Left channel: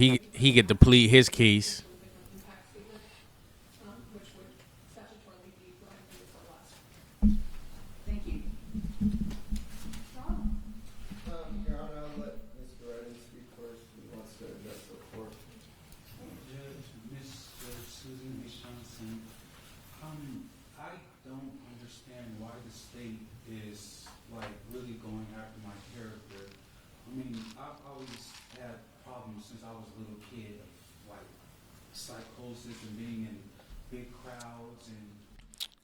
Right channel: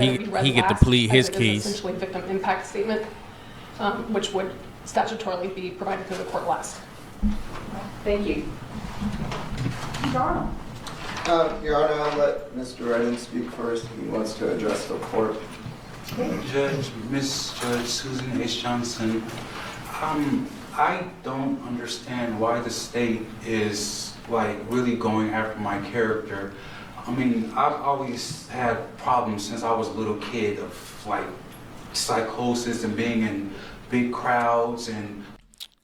He get to plead his It is case. essentially victim impact statement, which would statutorily be provided to the court last. Thank you. Your Honor. Your Honor, I'll let Mr. Redden speak first. He wants to address the court. Miss Judge Susan H. Johnson, I don't understand why the state is like really going after my character. I mean, I've always had problems since I was a little kid of like psychosis and being in big crowds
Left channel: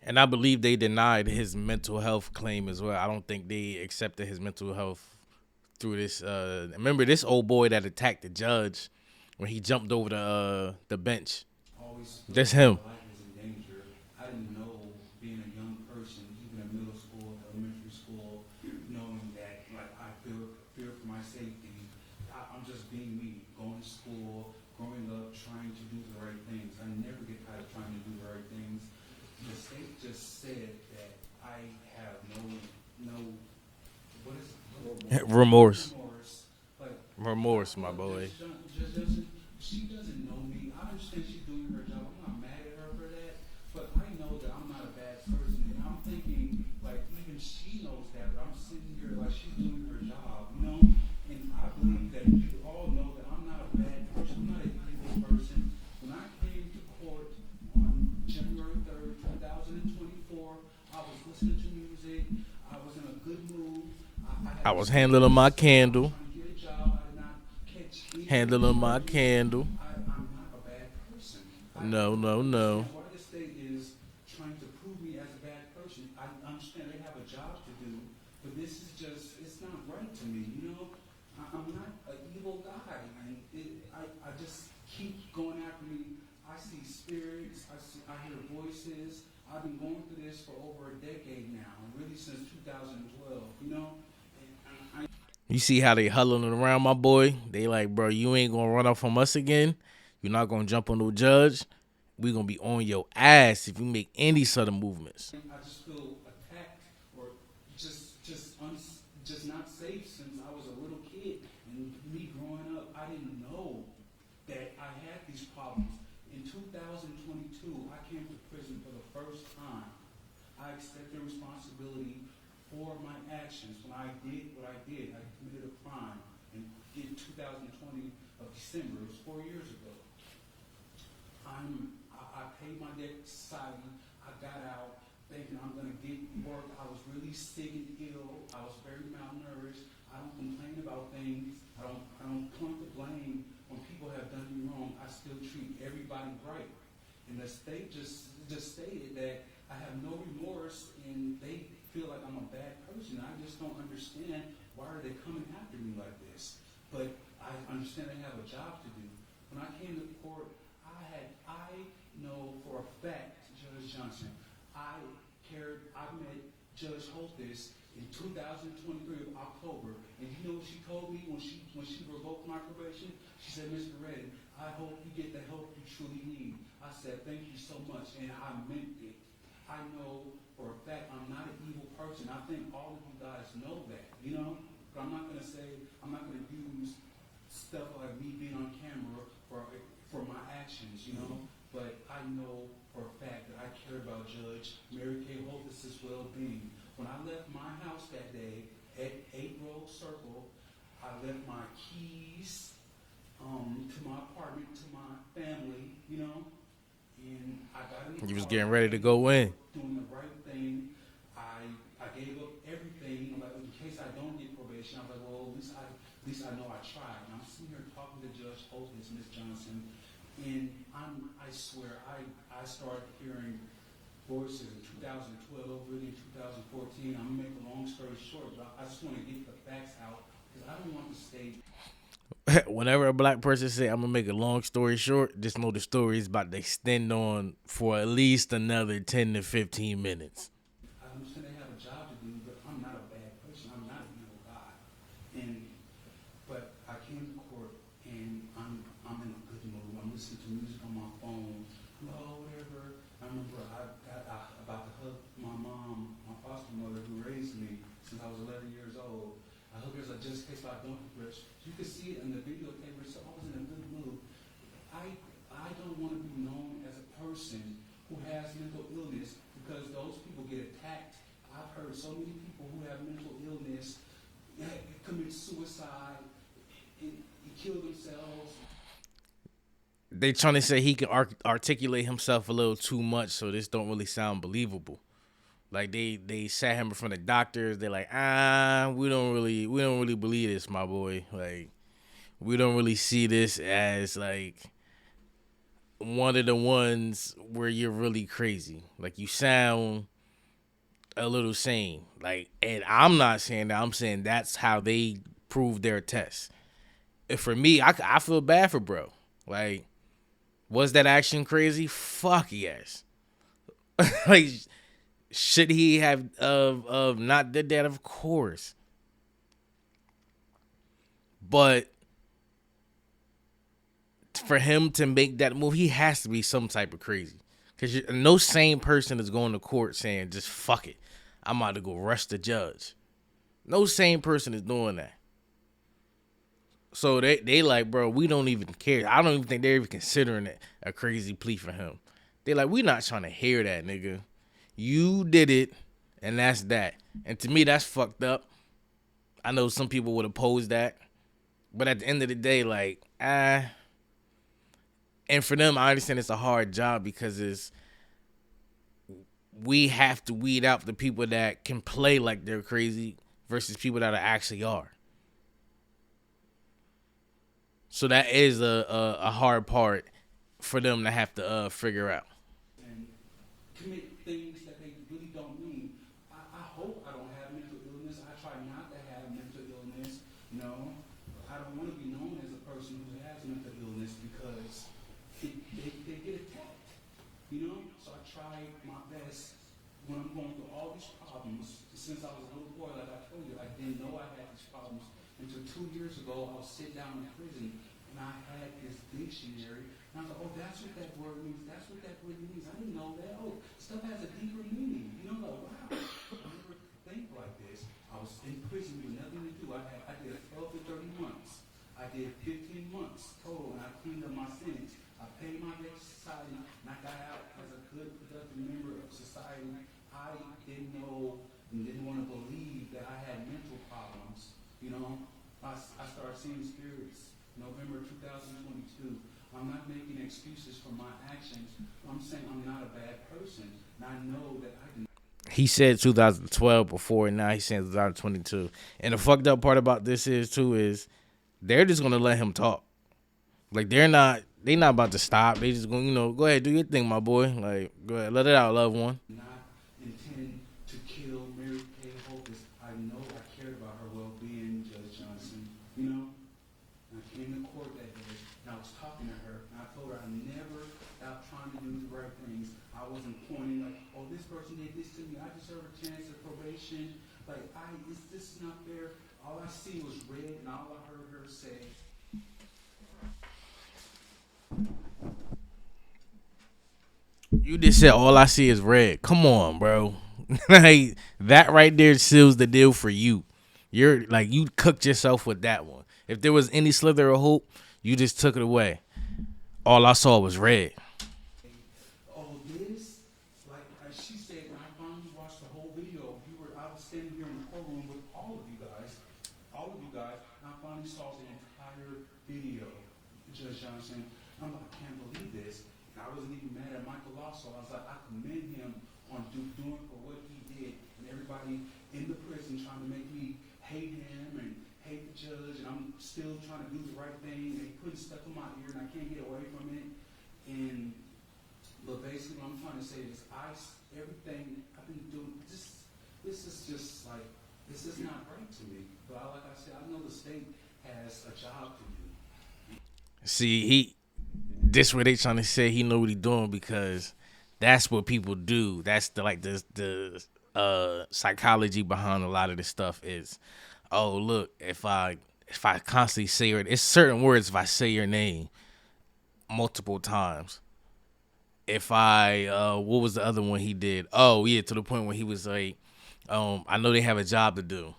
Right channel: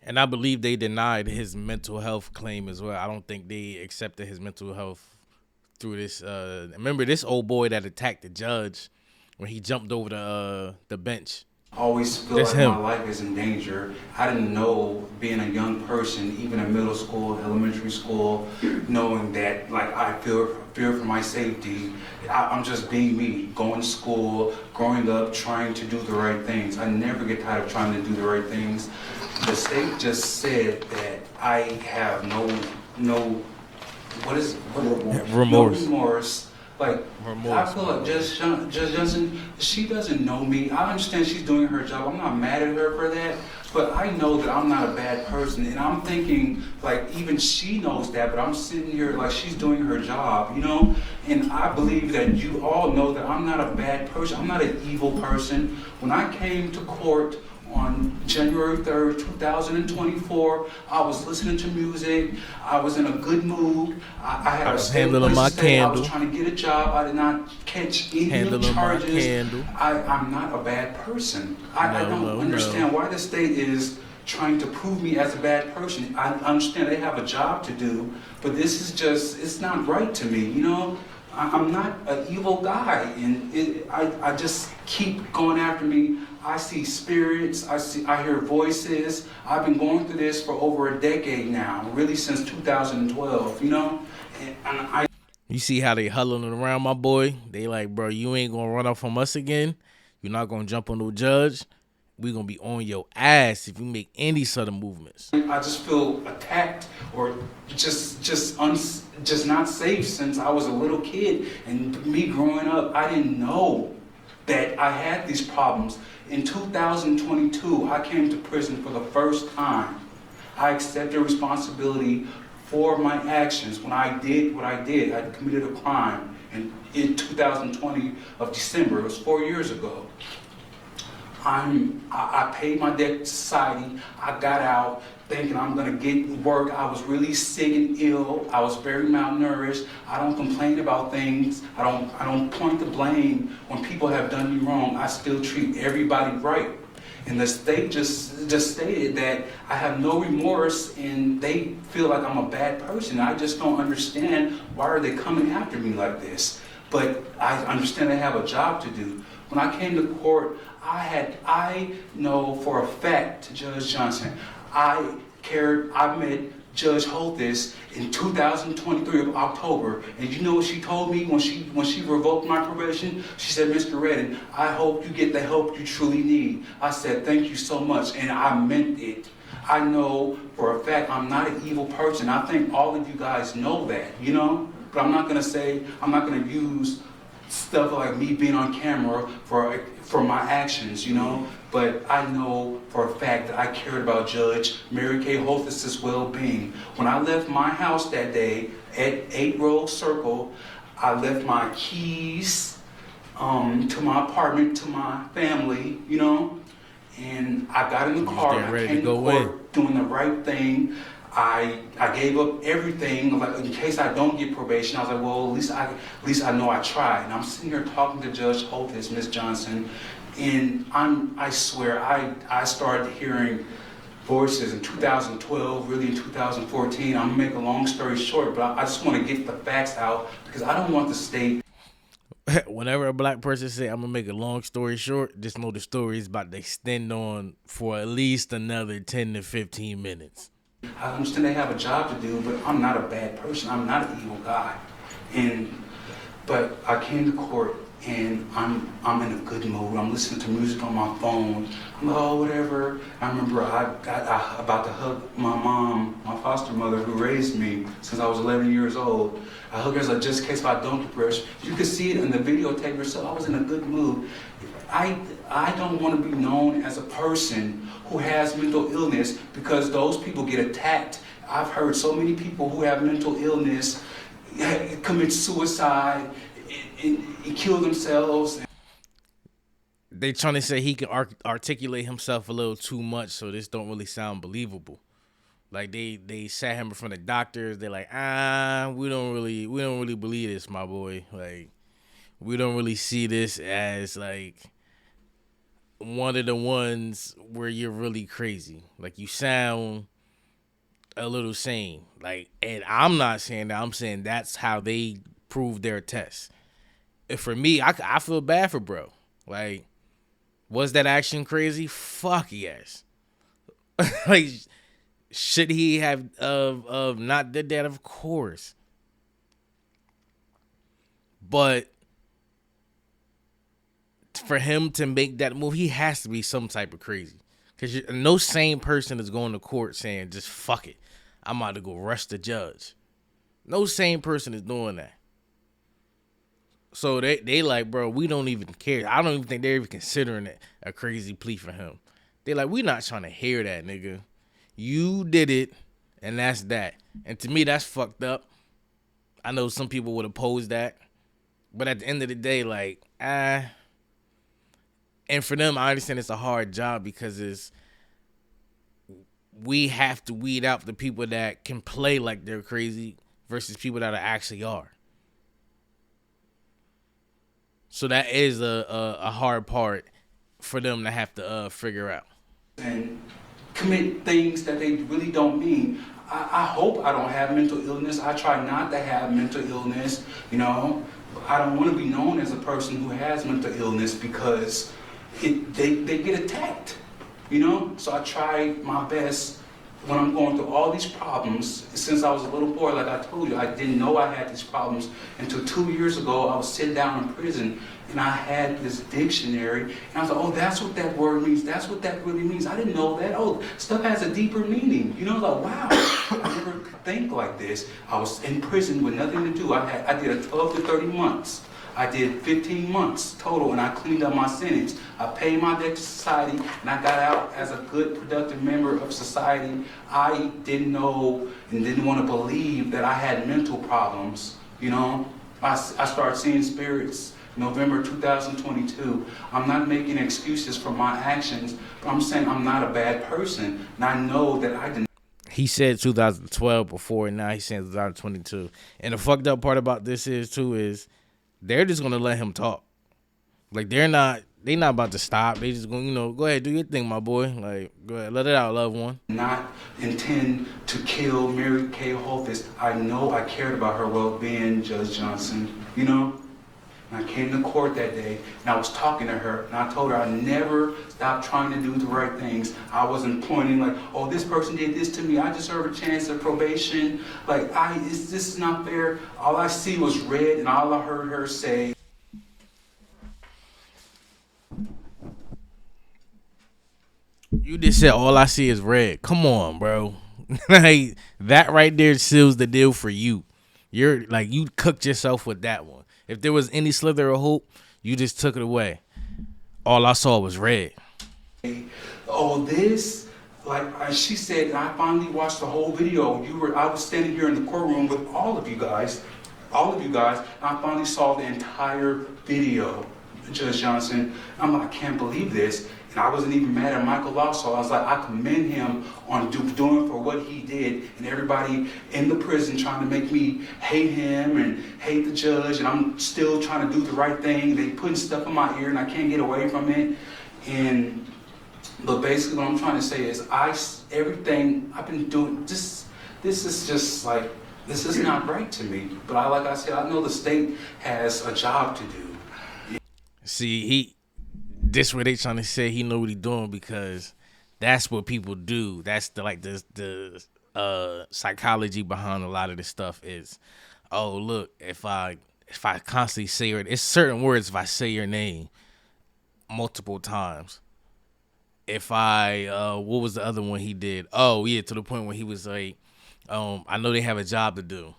And I believe they denied his mental health claim as well. I don't think they accepted his mental health through this. Remember this old boy that attacked the judge when he jumped over the bench? always feel That's like him. my life is in danger. I didn't know, being a young person, even in middle school, elementary school, knowing that like I fear for my safety. I'm just being me, going to school, growing up, trying to do the right things. I never get tired of trying to do the right things. The state just said that I have no Remorse. No remorse. Like, Remorse, I feel my like boy. Judge Johnson, she doesn't know me. I understand she's doing her job. I'm not mad at her for that. But I know that I'm not a bad person. And I'm thinking, like, even she knows that, but I'm sitting here like she's doing her job, you know? And I believe that you all know that I'm not a bad person. I'm not an evil person. When I came to court on January 3rd, 2024, I was listening to music. I was in a good mood. I was handling my I candle. was trying to get a job. I did not catch any Handling my charges. candle. I'm not a bad person. I No, don't no. understand why the state is trying to prove me as a bad person. I understand they have a job to do, but this is just, it's not right to me, you know? I'm not an evil guy, and I just keep going after me. I see spirits, I hear voices. I've been going through this for over a decade now, really since 2012, you know? And You see how they huddling around my boy? They like, bro, you ain't gonna run off from us again. You're not gonna jump on no judge. We gonna be on your ass if you make any sort of movements. I just feel attacked or just not safe since I was a little kid. And me growing up, I didn't know that I had these problems. In 2022, I came to prison for the first time. I accepted responsibility for my actions. When I did what I did, I committed a crime in 2020 of December. It was 4 years ago. I paid my debt to society. I got out thinking I'm gonna get work. I was really sick and ill. I was very malnourished. I don't complain about things. I don't point the blame when people have done me wrong. I still treat everybody right. And the state just stated that I have no remorse and they feel like I'm a bad person. I just don't understand why are they coming after me like this. But I understand they have a job to do. When I came to court, I know for a fact, Judge Johnson, I met Judge Holthus in 2023 of October, and you know what she told me when she revoked my probation? She said, Mr. Redden, I hope you get the help you truly need. I said, thank you so much, and I meant it. I know for a fact I'm not an evil person. I think all of you guys know that, you know? But I'm not gonna use stuff like me being on camera for my actions, you know? But I know for a fact that I cared about Judge Mary Kay Holthus's well-being. When I left my house that day at 8 Road Circle, I left my keys to my apartment, to my family, you know? And I got in the You was car, getting ready I came to go in. court doing the right thing. I gave up everything, like in case I don't get probation. I was like, well, at least I know I tried. And I'm sitting here talking to Judge Holthus, Ms. Johnson, and I swear I started hearing voices in 2012, really in 2014. I'm gonna make a long story short, but I just want to get the facts out because I don't want the state. Whenever a black person say, I'm gonna make a long story short, just know the story is about to extend on for at least another 10 to 15 minutes. I understand they have a job to do, but I'm not a bad person. I'm not an evil guy. But I came to court and I'm in a good mood. I'm listening to music on my phone. I'm like, oh, whatever. I remember I about to hug my mom, my foster mother who raised me since I was 11 years old. I hugged her like, just in case if I don't depress. You could see it in the videotape yourself. I was in a good mood. I don't want to be known as a person who has mental illness because those people get attacked. I've heard so many people who have mental illness commit suicide and kill themselves. They trying to say he can articulate himself a little too much, so this don't really sound believable. Like they sat him in front of doctors. They're like, we don't really believe this, my boy. Like, we don't really see this as like one of the ones where you're really crazy. Like, you sound a little sane. Like, and I'm not saying that. I'm saying that's how they prove their test. And for me, I feel bad for bro. Like, was that action crazy? Fuck yes. Like, should he have not did that? Of course. But for him to make that move, he has to be some type of crazy. Because no sane person is going to court saying, just fuck it, I'm about to go rush the judge. No sane person is doing that. So they like, bro, we don't even care. I don't even think they're even considering it a crazy plea for him. They're like, we not trying to hear that, nigga. You did it, and that's that. And to me, that's fucked up. I know some people would oppose that. But at the end of the day, like, and for them, I understand it's a hard job because we have to weed out the people that can play like they're crazy versus people that actually are. So that is a hard part for them to have to figure out. And commit things that they really don't mean. I hope I don't have mental illness. I try not to have mental illness, you know. I don't want to be known as a person who has mental illness because they get attacked, you know. So I try my best when I'm going through all these problems. Since I was a little boy, like I told you, I didn't know I had these problems until 2 years ago. I was sitting down in prison and I had this dictionary and I was like, oh, that's what that word means. That's what that really means. I didn't know that. Oh, stuff has a deeper meaning. You know, like, wow, I never could think like this. I was in prison with nothing to do. I did a 12 to 30 months. I did 15 months total, and I cleaned up my sentence. I paid my debt to society, and I got out as a good, productive member of society. I didn't know and didn't want to believe that I had mental problems, you know. I started seeing spirits November 2022. I'm not making excuses for my actions, but I'm saying I'm not a bad person, and I know that I didn't. He said 2012 before, and now he's saying 2022. And the fucked up part about this is they're just gonna let him talk. Like, they not about to stop. They just gonna, go ahead, do your thing, my boy. Like, go ahead, let it out, loved one. Not intend to kill Mary Kay Holthus. I know I cared about her well-being, Judge Johnson, you know? And I came to court that day, and I was talking to her, and I told her I never stopped trying to do the right things. I wasn't pointing like, oh, this person did this to me, I deserve a chance of probation. Like, this is not fair. All I see was red, and all I heard her say. You just said all I see is red. Come on, bro. Like, that right there seals the deal for you. You're like, you cooked yourself with that one. If there was any slither of hope, you just took it away. All I saw was red. Oh, this, like she said, and I finally watched the whole video. I was standing here in the courtroom with all of you guys, and I finally saw the entire video, Judge Johnson. I'm like, I can't believe this. And I wasn't even mad at Michael Lasso. I was like, I commend him on doing for what he did, and everybody in the prison trying to make me hate him and hate the judge, and I'm still trying to do the right thing. They putting stuff in my ear, and I can't get away from it. But basically, what I'm trying to say is, everything I've been doing, this is just like, this is not right to me. But like I said, I know the state has a job to do. See, this what they trying to say he know what he doing, because that's what people do. That's the psychology behind a lot of this stuff is, oh, look, if I if I constantly say it's certain words, if I say your name multiple times. If I what was the other one he did? Oh yeah, to the point where he was like, I know they have a job to do.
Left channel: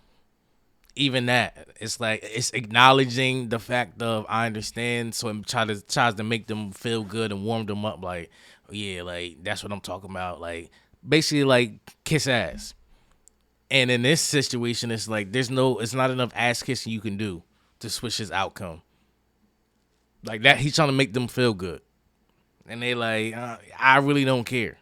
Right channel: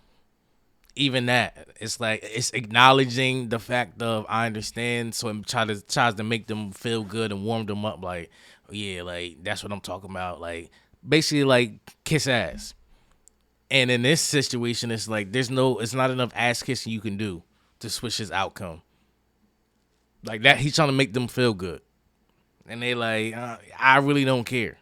Even that, it's like it's acknowledging the fact of I understand, so it tries to make them feel good and warm them up. Like, yeah, like that's what I'm talking about. Like basically, like kiss ass. And in this situation, it's like it's not enough ass kissing you can do to switch his outcome. Like that, he's trying to make them feel good, and they like, I really don't care.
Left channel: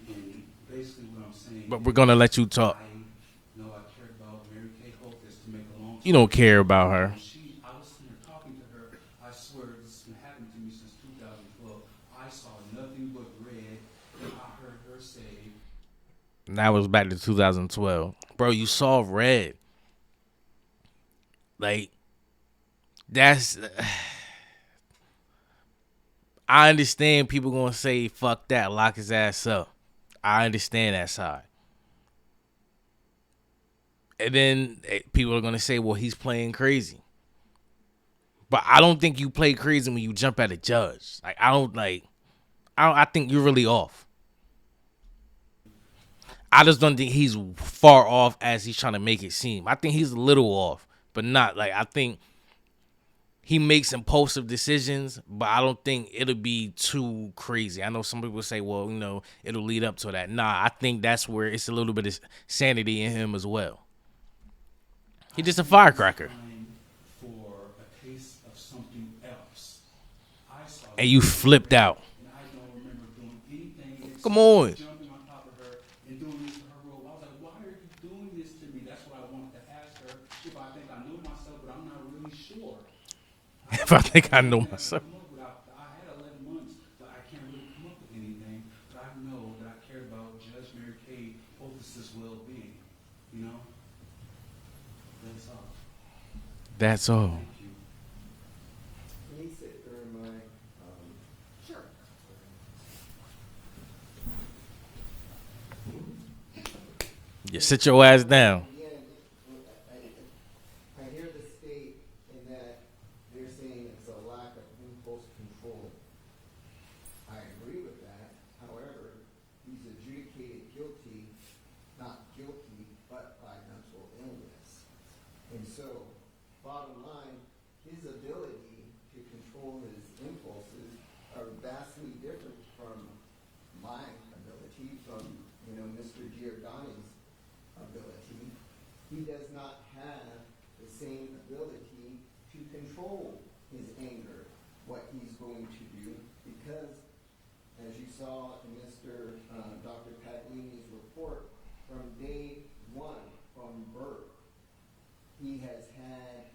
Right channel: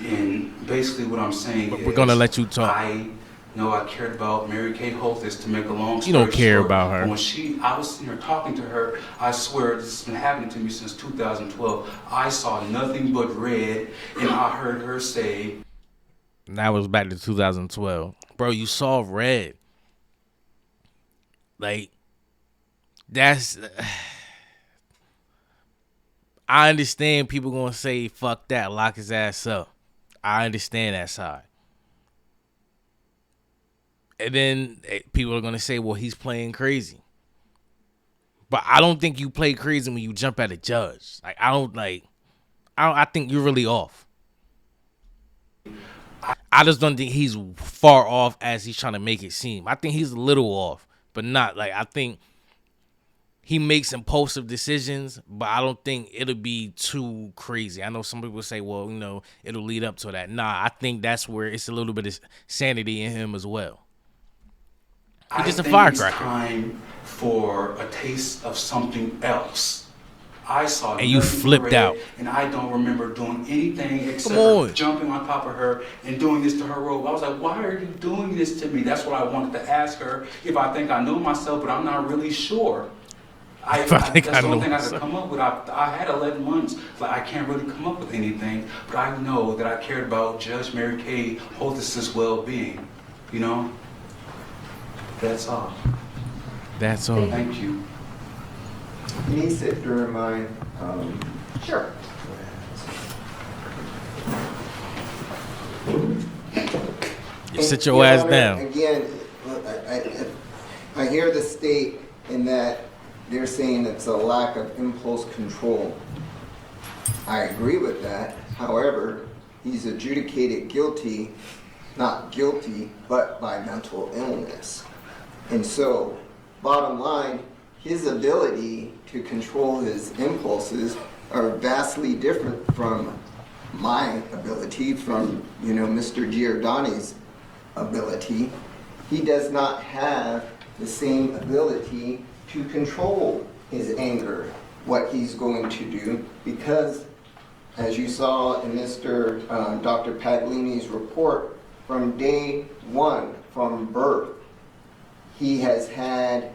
And basically what I'm saying But is, we're gonna let you talk. I know I cared about Mary Kay Holtis, to make a long story You don't care short. about her. But when I was sitting here talking to her, I swear this has been happening to me since 2012. I saw nothing but red, and I heard her say, And that was back to 2012. Bro, you saw red. Like, that's... I understand people gonna say, fuck that, lock his ass up. I understand that side. And then people are gonna say, well, he's playing crazy. But I don't think you play crazy when you jump at a judge. Like, I think you're really off. I just don't think he's far off as he's trying to make it seem. I think he's a little off, but not like I think he makes impulsive decisions, but I don't think it'll be too crazy. I know some people say, well, it'll lead up to that. Nah, I think that's where it's a little bit of sanity in him as well. He's just a firecracker. It's time for a taste of something else. I saw And you flipped out. And I don't remember doing anything except Come on. jumping on top of her and doing this to her robe. I was like, why are you doing this to me? That's what I wanted to ask her, if I think I know myself, but I'm not really sure. If I think I know I myself. come up with. I had 11 months, but I can't really come up with anything. But I know that I cared about Judge Mary Kay Holtis' well-being. That's all. That's all. Thank you. Can you sit during my, Sure. You sit your ass down. Again, I hear the state in that they're saying it's a lack of impulse control. I agree with that. However, he's adjudicated guilty, not guilty, but by mental illness. And so, bottom line, his ability to control his impulses are vastly different from my ability, from, Mr. Giordani's ability. He does not have the same ability to control his anger, what he's going to do, because as you saw in Dr. Paglini's report, from day one, from birth, he has had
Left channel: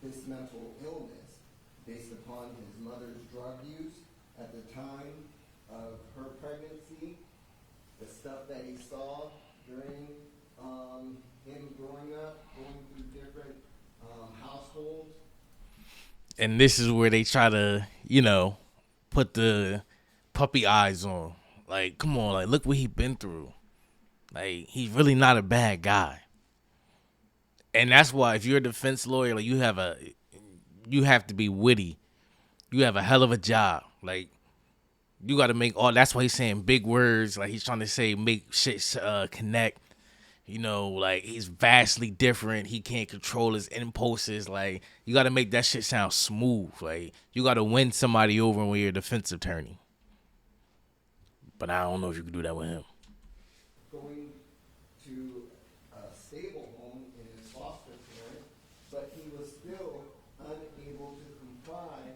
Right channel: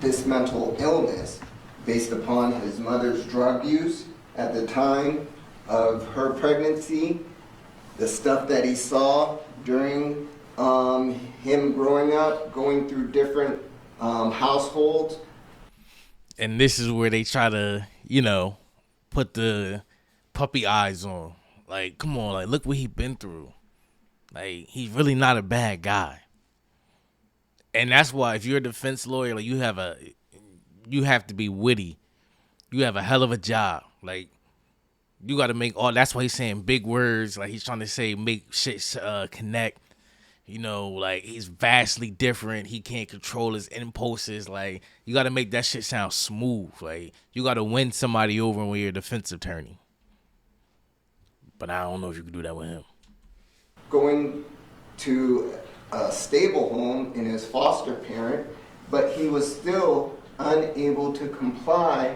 this mental illness based upon his mother's drug use at the time of her pregnancy, the stuff that he saw during him growing up, going through different households. And this is where they try to, put the puppy eyes on. Like, come on, like, look what he's been through. Like, he's really not a bad guy. And that's why if you're a defense lawyer, like, you have to be witty. You have a hell of a job. Like, you got to make that's why he's saying big words. Like, he's trying to say, make shit connect. Like, he's vastly different. He can't control his impulses. Like, you got to make that shit sound smooth. Like, you got to win somebody over when you're a defense attorney. But I don't know if you can do that with him. Going to a stable home in his foster parent, but he was still unable to comply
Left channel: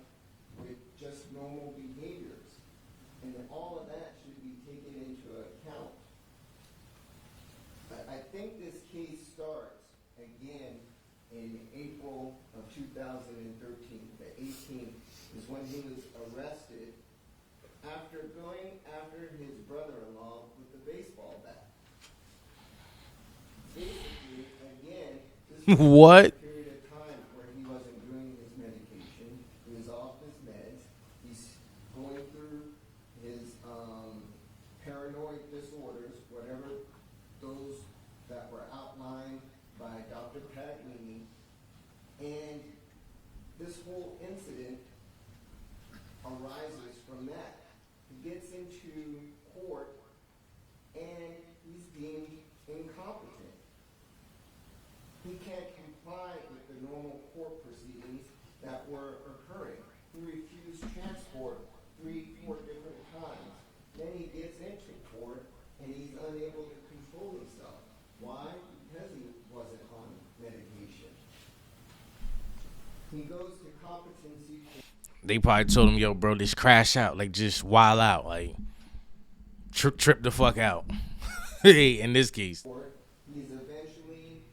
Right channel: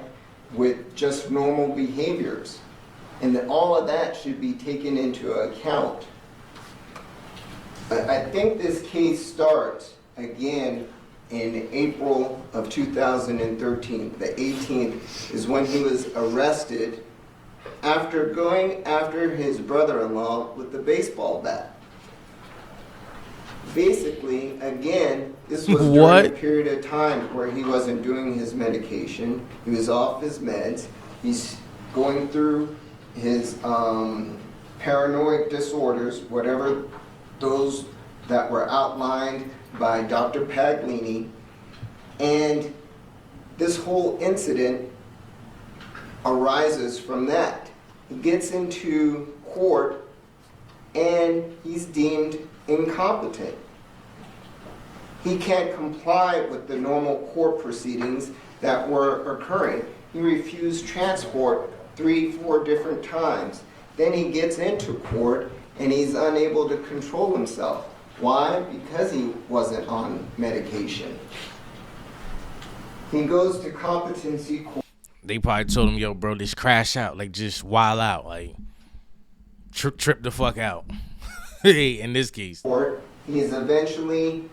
with just normal behaviors. And that all of that should be taken into account. I think this case starts again in April of 2013. The 18th is when he was arrested after going after his brother-in-law with the baseball bat. Basically, again, this was during a period of time where he wasn't doing his medication. He was off his meds. He's going through his paranoid disorders, whatever those that were outlined by Dr. Paglini. And this whole incident arises from that. He gets into court and he's deemed incompetent. He can't comply with the normal court proceedings that were occurring. He refused transport 3-4 different times. Then he gets into court and he's unable to control himself. Why? Because he wasn't on medication. He goes to competency court. They probably told him, yo, bro, just crash out. Like, just wild out. Like, trip the fuck out. In this case. He's eventually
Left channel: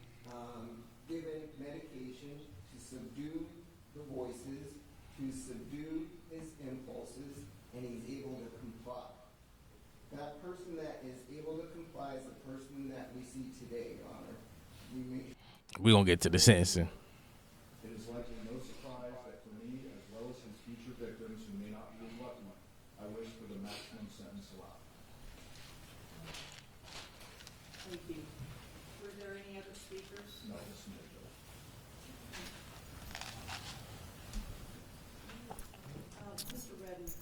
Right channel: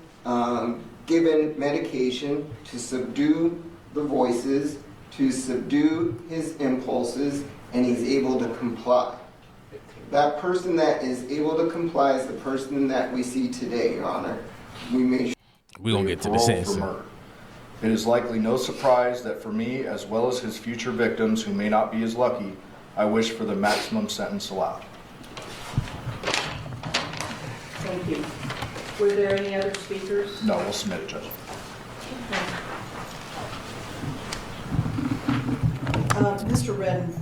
given medication to subdue the voices, to subdue his impulses, and he's able to comply. That person that is able to comply is the person that we see today, Your Honor. We're going to get to the sentencing. It is likely no surprise that for me, as well as his future victims who may not be as lucky, I wish for the maximum sentence allowed. Thank you. Were there any other speakers? No, we'll submit it, Judge. Mr. Redden.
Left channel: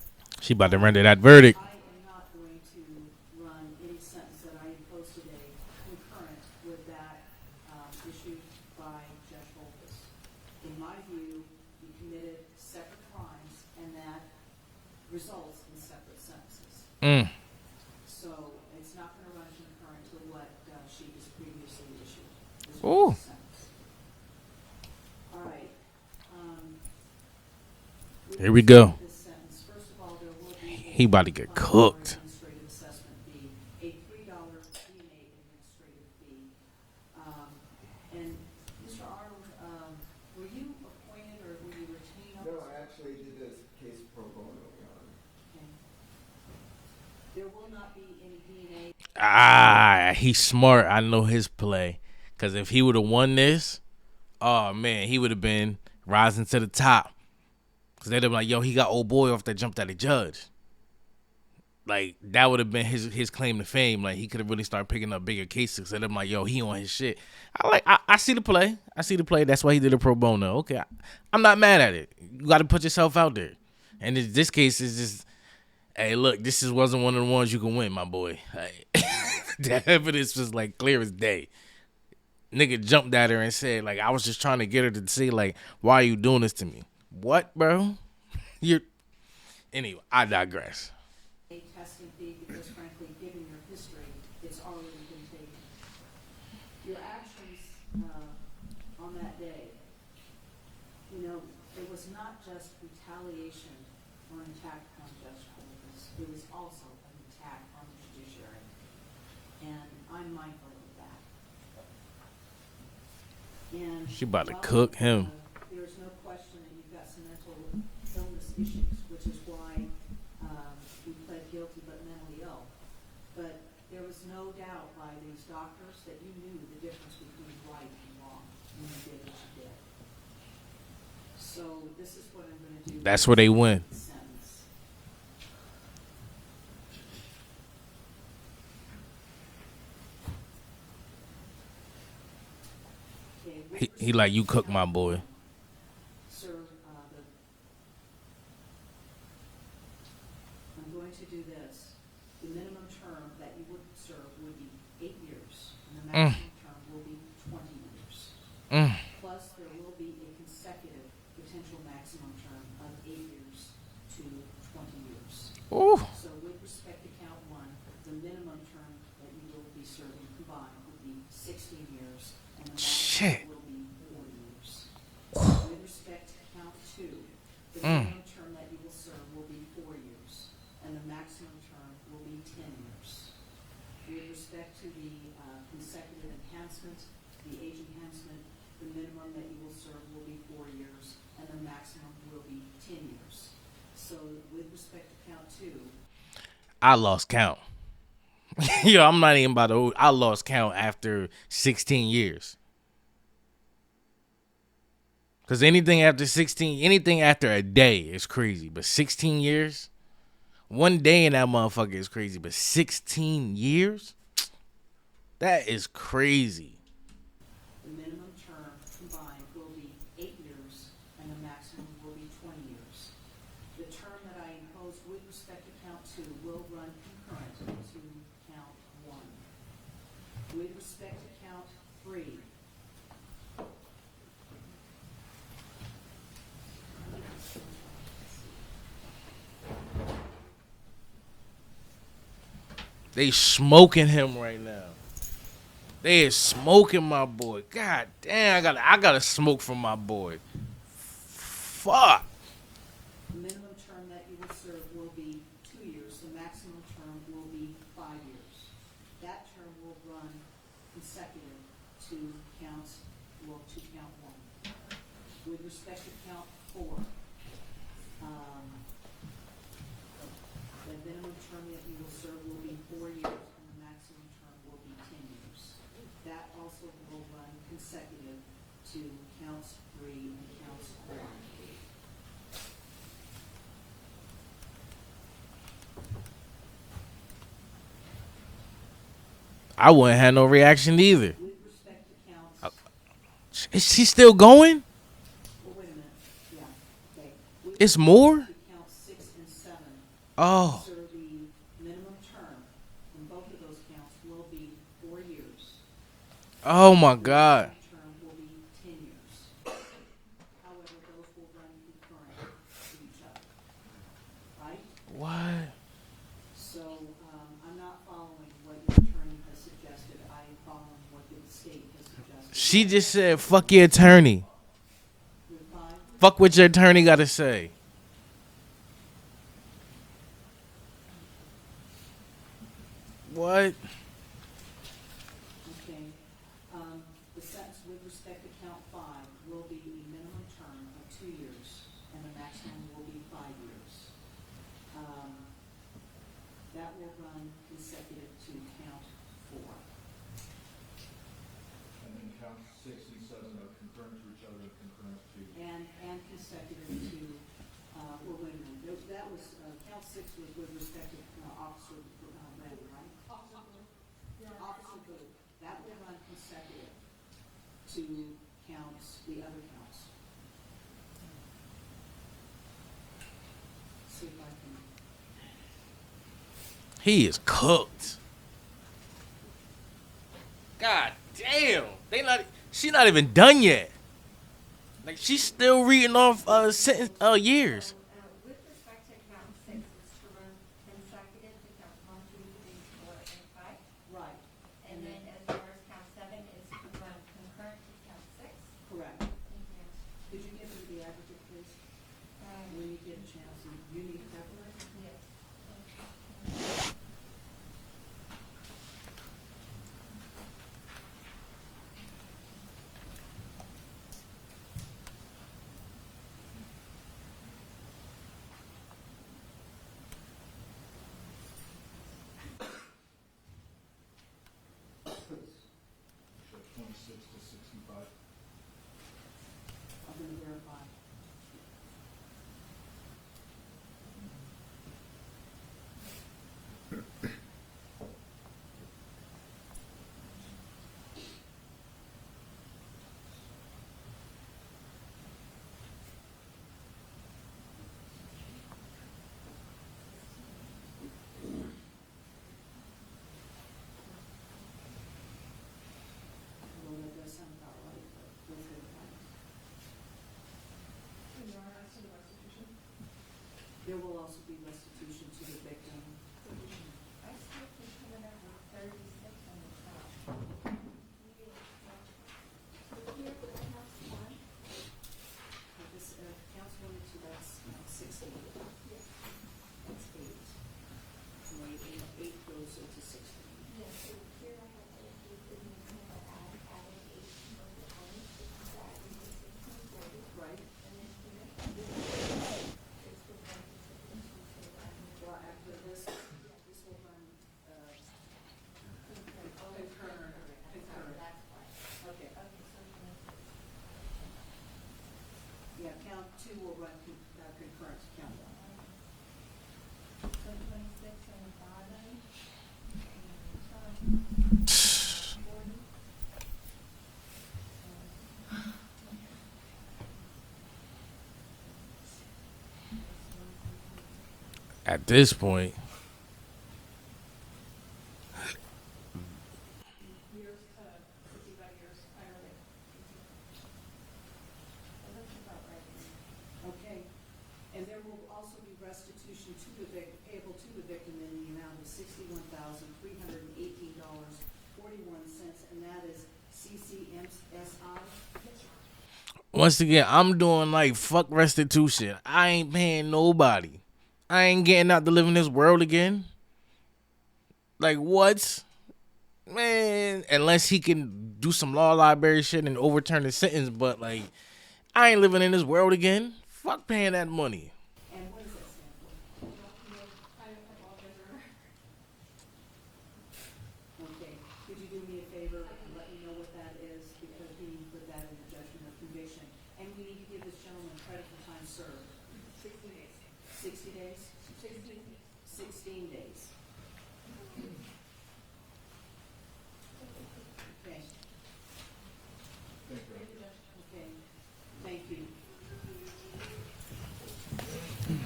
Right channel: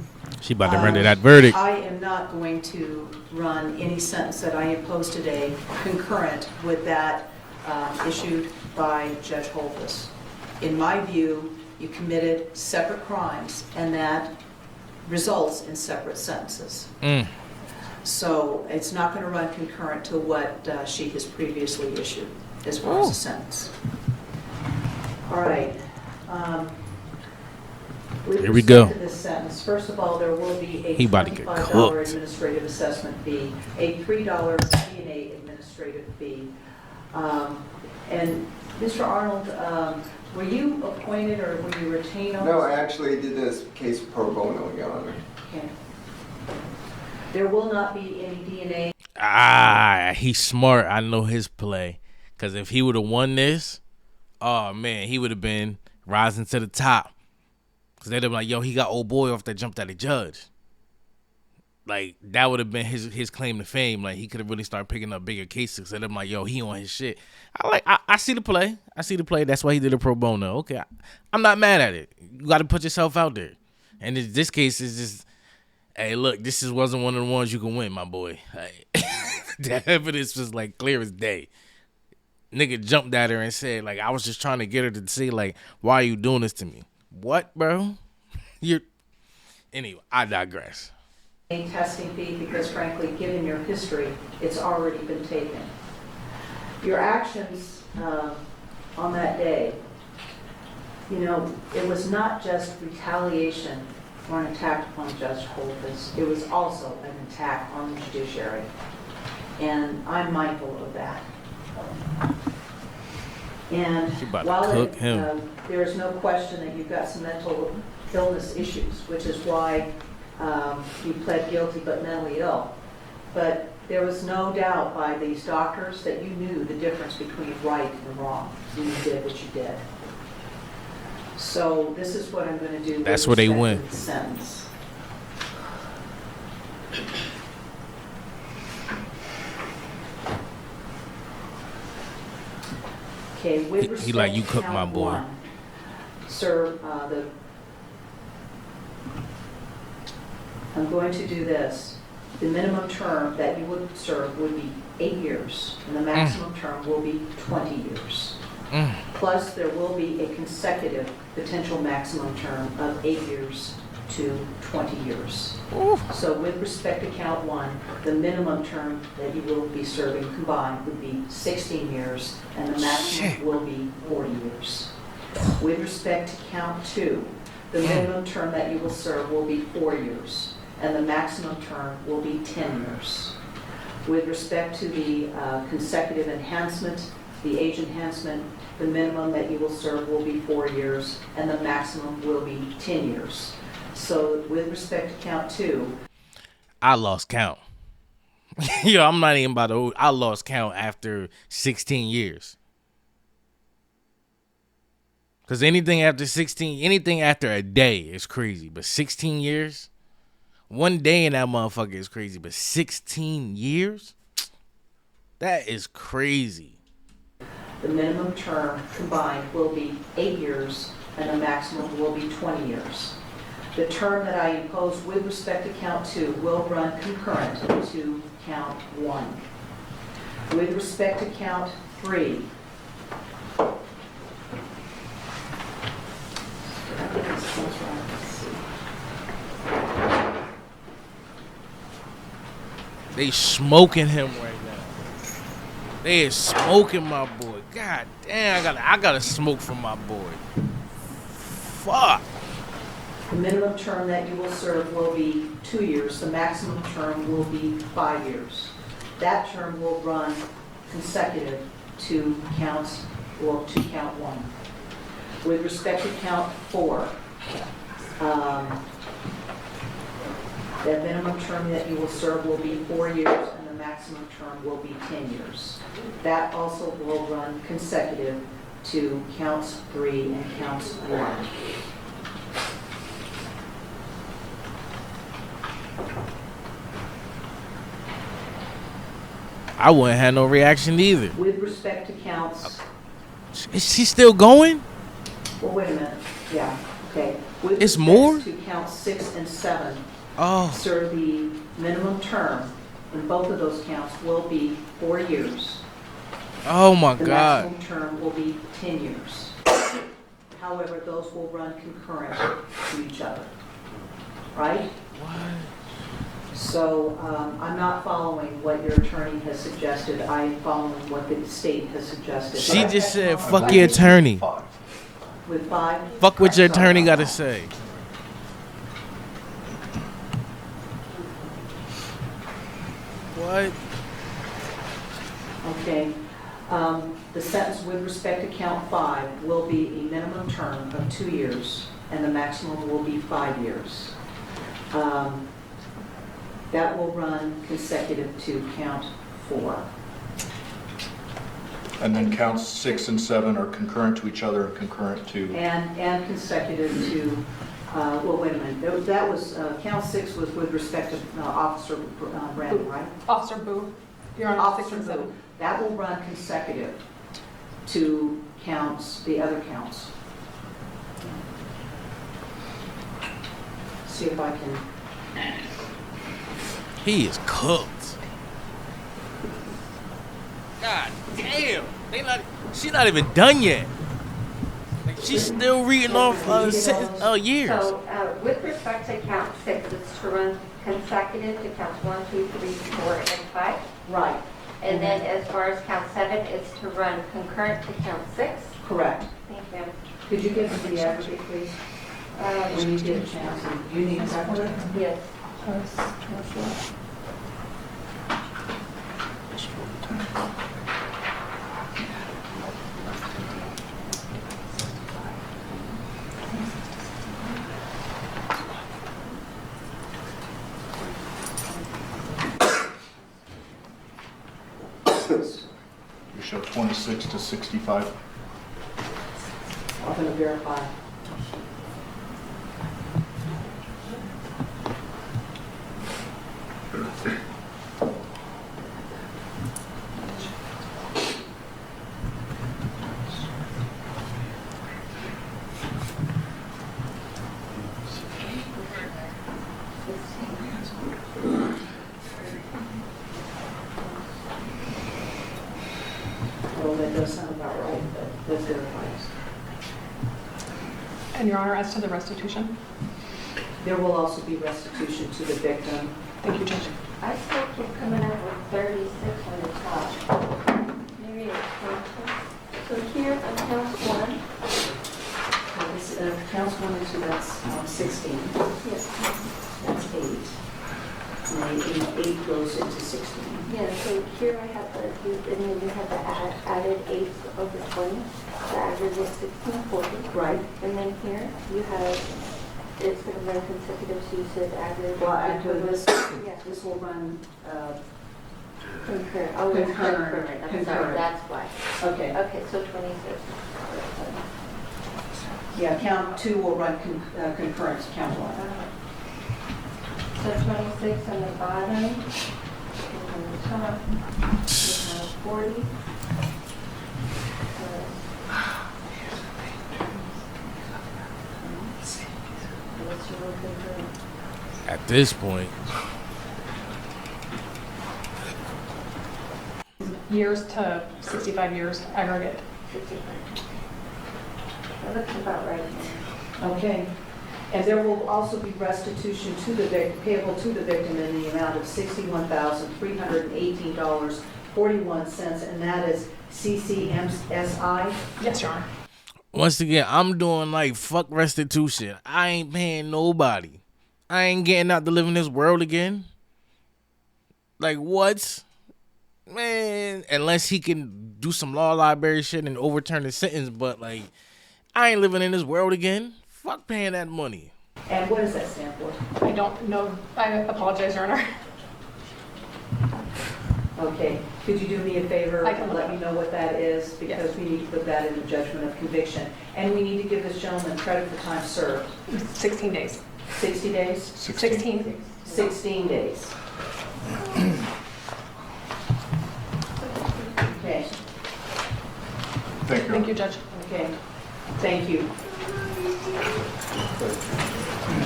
She about to render that verdict. I am not going to run any sentence that I impose today concurrent with that issued by Judge Holthus. In my view, you committed separate crimes, and that results in separate sentences. So it's not going to run concurrent to what she has previously issued as far as a sentence. All right. Here we go. This sentence, first of all, there will be a He about to get $25 cooked. administrative assessment fee, a $3 DNA administrative fee. And Mr. Arnold, were you appointed or were you retained on this? No, I actually did this case pro bono, Your Honor. Okay. There will not be any DNA. He's smart. I know his play. Because if he would have won this, oh, man, he would have been rising to the top. Because they'd have been like, yo, he got old boy off that jumped at the judge. Like, that would have been his claim to fame. Like, he could have really started picking up bigger cases. And I'm like, yo, he on his shit. I see the play. I see the play. That's why he did a pro bono. Okay, I'm not mad at it. You got to put yourself out there. And this case is just, hey, look, wasn't one of the ones you can win, my boy. Like, the evidence was, like, clear as day. Nigga jumped at her and said, like, I was just trying to get her to say, like, why are you doing this to me? What, bro? Anyway, I digress. Testing fee because, frankly, given your history, it's already been taken. Your actions on that day, you know, it was not just retaliation or an attack upon Judge Holthus. It was also an attack on the judiciary, and I'm mindful of that. And She about to while cook him. there is no question that you've got some mental illness issues, which is why you pled guilty but mentally ill. But there was no doubt by these doctors that you knew the difference between right and wrong, and you did what you did. So this is what I'm going to do. That's where they win. Sentence. Okay, with He like, you respect to cook my count boy. one, sir, I'm going to do this. The minimum term that you would serve would be 8 years, and the maximum term will be 20 years. Plus, there will be a consecutive potential maximum term of 8 years to 20 years. Ooh. So with respect to count one, the minimum term that you will be serving combined would be 16 years, and the maximum Shit. will be 40 years. With respect to count two, the minimum term that you will serve will be 4 years, and the maximum term will be 10 years. With respect to the consecutive enhancement, the age enhancement, the minimum that you will serve will be 4 years, and the maximum will be 10 years. So with respect to count two, I lost count. Yo, I'm not even about to. I lost count after 16 years. Because anything after 16, anything after a day is crazy. But 16 years? One day in that motherfucker is crazy. But 16 years? That is crazy. The minimum term combined will be 8 years, and the maximum will be 20 years. The term that I impose with respect to count 2 will run concurrent to count 1. With respect to count 3, They smoking him right now. They is smoking my boy. God damn, I gotta smoke for my boy. Fuck. the minimum term that you will serve will be 2 years. The maximum term will be 5 years. That term will run consecutive to count 1. With respect to count 4, the minimum term that you will serve will be 4 years, and the maximum term will be 10 years. That also will run consecutive to counts 3 and counts 1. I wouldn't have no reaction either. With respect to counts, Is she still going? well, wait a minute, yeah, okay. With It's respect more? To count 6 and 7, Oh, sir, the minimum term in both of those counts will be 4 years. oh my The God. maximum term will be 10 years. However, those will run concurrent to each other, right? What? So I'm not following what your attorney has suggested. I am following what the state has suggested. She just said, fuck your attorney. With 5? Fuck what your attorney gotta say. What? Okay. The sentence with respect to count 5 will be a minimum term of 2 years, and the maximum will be 5 years. That will run consecutive to count 4. And then counts 6 and 7 are concurrent to each other and concurrent to, And consecutive to, well, wait a minute, that was, count 6 was with respect to Officer Brandon, right? Officer Boo, you're on Officer 6 and Boo. 7. That will run consecutive to counts, the other counts. See if I can, He is cooked. God damn. She not even done yet. Like she's still reading off years. So, with respect to count 6, it's to run consecutive to counts 1, 2, 3, 4, and 5. right, And then as far as count 7, it's to run concurrent to count 6. correct. Thank you. Could you give me the aggregate, please? When you get a chance, and you need a calculator? Yes. you show 26 to 65. I'm going to verify. Well, that does sound about right, but let's verify. And Your Honor, as to the restitution? There will also be restitution to the victim. Thank you, Judge. I still keep coming up with 36 on the top. Maybe it's 26. So here on count 1, This counts 1 and 2, that's 16. yes. That's 8. And 8 goes into 16. Yeah, so here I have and then you have the added 8 over 20. The average is 1640. Right. And then here you have, it's going to run consecutive, so you said average. Well, after this, Yeah. this will run, Concurrent. Oh, it's Concurrent. concurrent. I'm sorry, Concurrent. that's why. okay. Okay, so 26. Yeah, count 2 will run concurrent to count 1. So 26 on the bottom, and on the top, you have 40. At this point, Years to 65 years aggregate. That looks about right. Okay. And there will also be restitution to the victim, payable to the victim in the amount of $61,318.41, and that is CCMSI. Yes, Your Honor. once again, I'm doing like fuck restitution. I ain't paying nobody. I ain't getting out to live in this world again. Like what? Man, unless he can do some law library shit and overturn his sentence, but like, I ain't living in this world again. Fuck paying that money. And what does that stand for? I don't know. I apologize, Your Honor. Okay, could you do me a favor I can and look let it me know what that is? Because we need to put that in the judgment of conviction. And we need to give this gentleman credit for time served. 16 days. 60 days? 16. 16 days. Okay, Thank you. Thank you, Judge. okay. Thank you.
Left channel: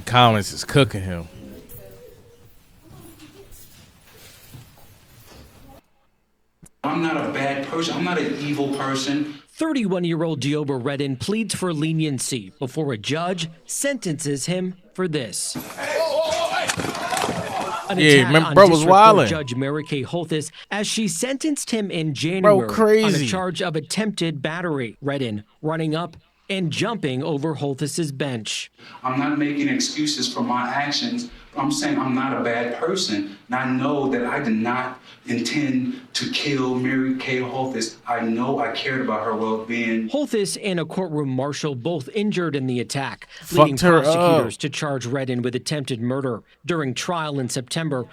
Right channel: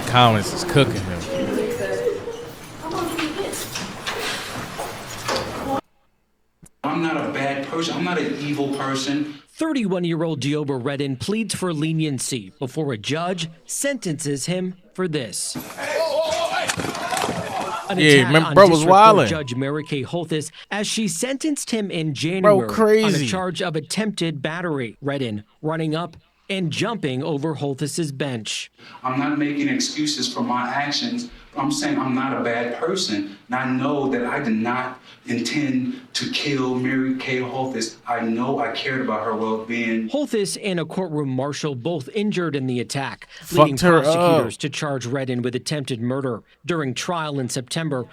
Collins is cooking him. I'm not a bad person. I'm not an evil person. 31-year-old Deobra Redden pleads for leniency before a judge sentences him for this. An attack remember, on bro was District Court wildin'. Judge Mary Kay Holthus as she sentenced him in January on a crazy. charge of attempted battery. Redden running up and jumping over Holthus's bench. I'm not making excuses for my actions. I'm saying I'm not a bad person. And I know that I did not intend to kill Mary Kay Holthus. I know I cared about her well-being. Holthus and a courtroom marshal both injured in the attack, Fucked leading her up. prosecutors to charge Redden with attempted murder. During trial in September,